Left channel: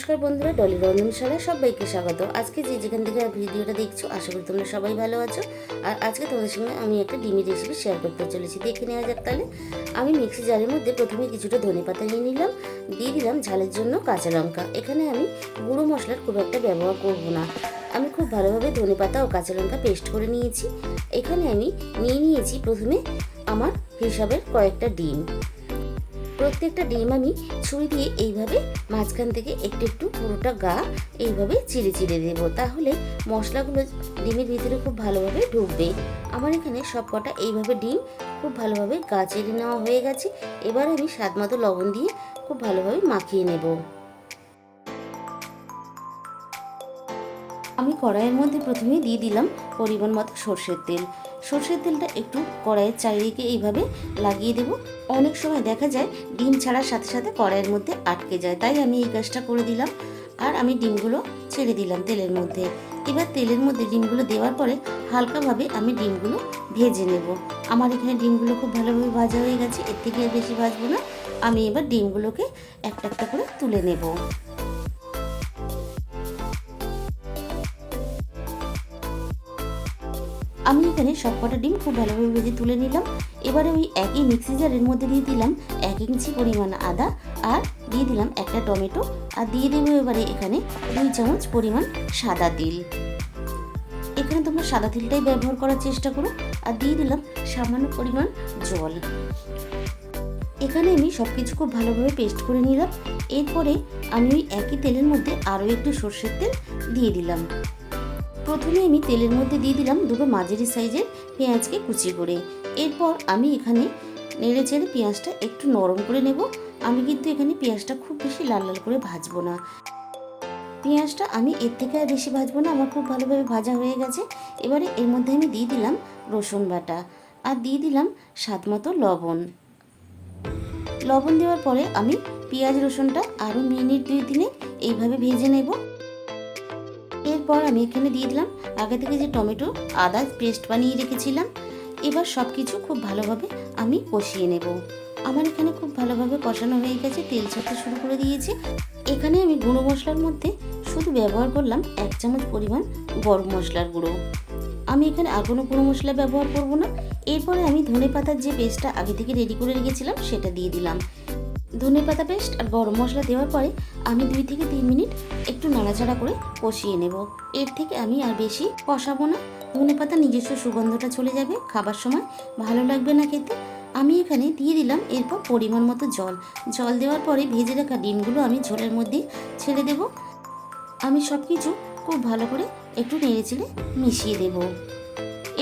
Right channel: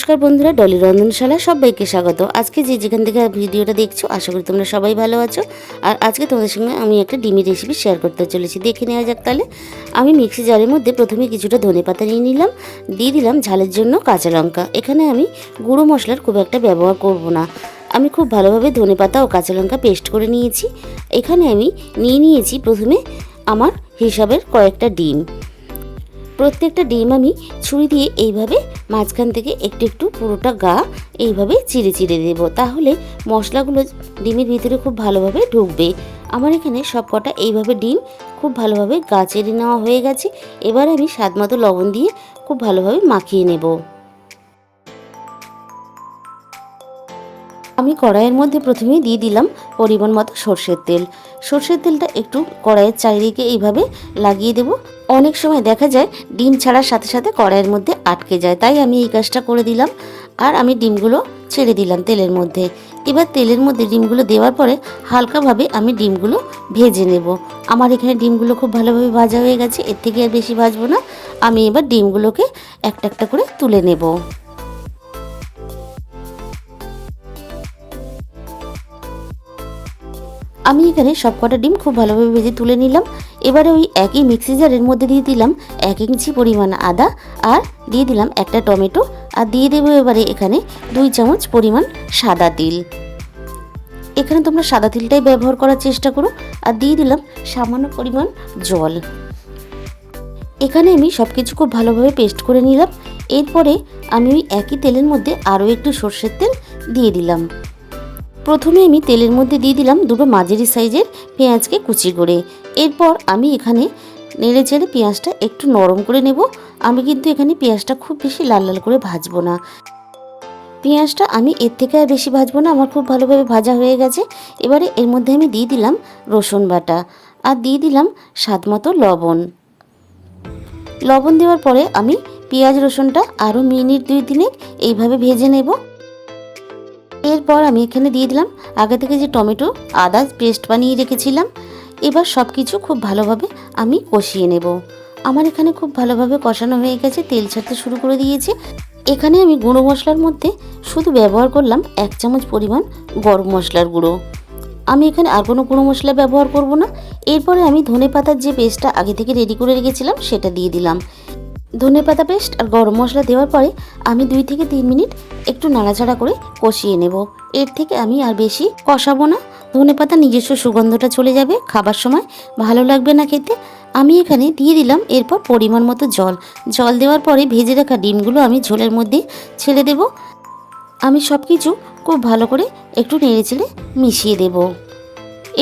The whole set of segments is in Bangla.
নমস্কার বন্ধুরা, ডলি রন্ধনশালা সবাইকে স্বাগত। আজকে যেখান থেকে ভিডিওটা দেখছো আশা করি তোমরা সবাই ভালো আছো। আর আজকে তোমাদের সঙ্গে আমি একটা ডিমের রেসিপি শেয়ার করতে চলেছি, দেখে নেওয়া যাক। তাহলে আমি মিক্সি জারের মধ্যে প্রথমে কিছুটা ধনেপাতা নিয়ে নিলাম, দিয়ে দিলাম ঝালের জন্য কাঁচা লঙ্কা। এখানে আমি গুঁড়ো মশলার খুব একটা ব্যবহার করব না, আমি খুব ভালোভাবে ধনেপাতা ও কাঁচা লঙ্কা পেস্ট করে নিয়েছি। এখানে আমি নিয়েছি প্রথমে আমার হিসাবের কয়েকটা ডিম। প্রত্যেকটা ডিম আমি ছুরি দিয়ে এইভাবে মাঝখান থেকে একটু একটু পুরোটা গা এইভাবে চিড়ে চিড়ে দেবো, তাহলে মশলাগুলো ডিমের ভিতরে খুব ভালোভাবে ঢুকবে। আমার এখানে সব কটা এইভাবে ডিম খুব ভালোভাবে গা চিড়ে নেওয়া হয়ে গেছে। এবার আমি স্বাদ মতো লবণ দিয়ে খুব ভালোভাবে মাখিয়ে নেব। আমি কড়াইয়ের মধ্যে প্রথমেই দিয়ে দিলাম পরিমাণ মতো সর্ষের তেল। সর্ষের তেলটা একটু কড়াইয়ের চারিদিকে এইভাবে লাগিয়ে দেব। অনেক সময় দেখা যায় ডিম ছাড়ার সাথে সাথে কড়াইয়ের মধ্যে আটকে যায়, তাই আমি এই কাজটা করে দিলাম। আর আমি ডিমগুলো ছেড়ে দিলাম তেলের মধ্যে। এবার তেলের মধ্যে ডিমগুলো দেওয়ার পরে হালকাভাবে আমি ডিমগুলো ভেজে নেব। আমার এখানে ডিমগুলো খুব ভালোভাবে ভাজা হয়ে গেছে, এর থেকে আর বেশি ভাজবো না। আমি এবার ডিমগুলোকে একটা একটা করে তুলে নেব। আমি এখানে সব কটা ডিম খুব ভালোভাবে ভেজে তুলে নিলাম। এবারে ওই একই মিক্সি জারের মধ্যে দিয়ে দিলাম 1 ইঞ্চি পরিমাণ আদা, আর দিয়ে দিলাম একটা টমেটো, আর দিয়ে দেবো এবারে এখানে 2 চামচ পরিমাণ সাদা তিল। এখানে তোমরা সাদা তিলটাই ব্যবহার করার চেষ্টা করো। আর দিয়ে দিলাম সামান্য পরিমাণ জল। এখানে আমি সব কিছু খুব ভালোভাবে পেস্ট করে নিলাম। এরপরে আমি ওই একই তেলের মধ্যে আরও একটু সর্ষের তেল দিয়ে দিলাম। প্রথমে আমি তেলের মধ্যে দিয়ে দিলাম দুটো মাঝারি সাইজের পেঁয়াজকে কুচি করে। এরপর আমি এখানে নেড়ে চেড়ে পেঁয়াজটা একটু নরম করে নেব। আমি কিন্তু এখানে পেঁয়াজটা খুব বেশি লাল লাল করে ভাজবো না। পেঁয়াজটা আমি এর থেকে আর বেশি ভাজবো না, আমার খুব ভালোভাবে ভাজা হয়ে গেছে। এবারে এর মধ্যে আমি দিয়ে দিলাম রসুন বাটা, আর দিয়ে দিলাম স্বাদ মতো লবণ। লবণ দেওয়ার পরে আমি পেঁয়াজ রসুনটা আরও মিনিট 2-3 এইভাবে ভেজে নেব। এরপর আমি এখানে দিয়ে দিলাম আগে থেকে যে টমেটো আদা পেস্ট বানিয়ে রেখেছিলাম। এবার সব কিছু খুব ভালোভাবে আমি কষিয়ে নেব। আমার এখানে খুব ভালোভাবে কষানো হয়ে গেছে, তেল ছাড়তে শুরু করে দিয়েছে। এখানে আমি গুঁড়ো মশলার মধ্যে শুধু ব্যবহার করলাম 1 চামচ পরিমাণ গরম মশলার গুঁড়ো। আমি এখানে আর কোনো গুঁড়ো মশলা ব্যবহার করব না। এরপরে আমি ধনেপাতার যে পেস্টটা আগে থেকে রেডি করে রেখেছিলাম সেটা দিয়ে দিলাম। ধনেপাতা পেস্ট আর গরম মশলা দেওয়ার পরে আমি 2 থেকে 3 মিনিট একটু নাড়াচাড়া করে কষিয়ে নেব। এর থেকে আমি আর বেশি কষাবো না, ধনেপাতা নিজস্ব সুগন্ধটা চলে যাবে, খাবার সময় ভালো লাগবে না খেতে। আমি এখানে দিয়ে দিলাম এরপর পরিমাণ মতো জল দেওয়ার পরে ভেজে রাখা ডিমগুলো আমি ঝোলের মধ্যে ছেড়ে দেব। আমি সব কিছু খুব ভালো করে একটু নেড়েচেড়ে মিশিয়ে দেব।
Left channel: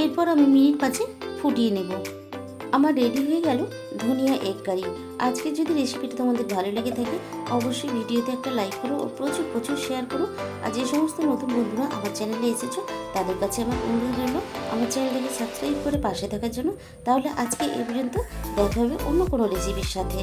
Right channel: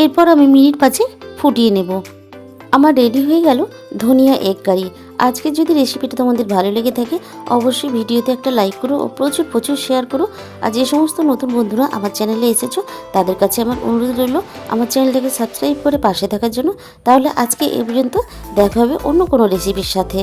এরপর আমি মিনিট 5 ফুটিয়ে নেব। আমার রেডি হয়ে গেল ধনিয়া এগ কারি। আজকের যদি রেসিপিটা তোমাদের ভালো লেগে থাকে অবশ্যই ভিডিওতে একটা লাইক করো ও প্রচুর শেয়ার করো। আর যে সমস্ত নতুন বন্ধুরা আমার চ্যানেলে এসেছো তাদের কাছে আমার অনুরোধ রইল আমার চ্যানেলটাকে সাবস্ক্রাইব করে পাশে থাকার জন্য। তাহলে আজকে এ পর্যন্ত দেখা হবে অন্য কোনো রেসিপির সাথে।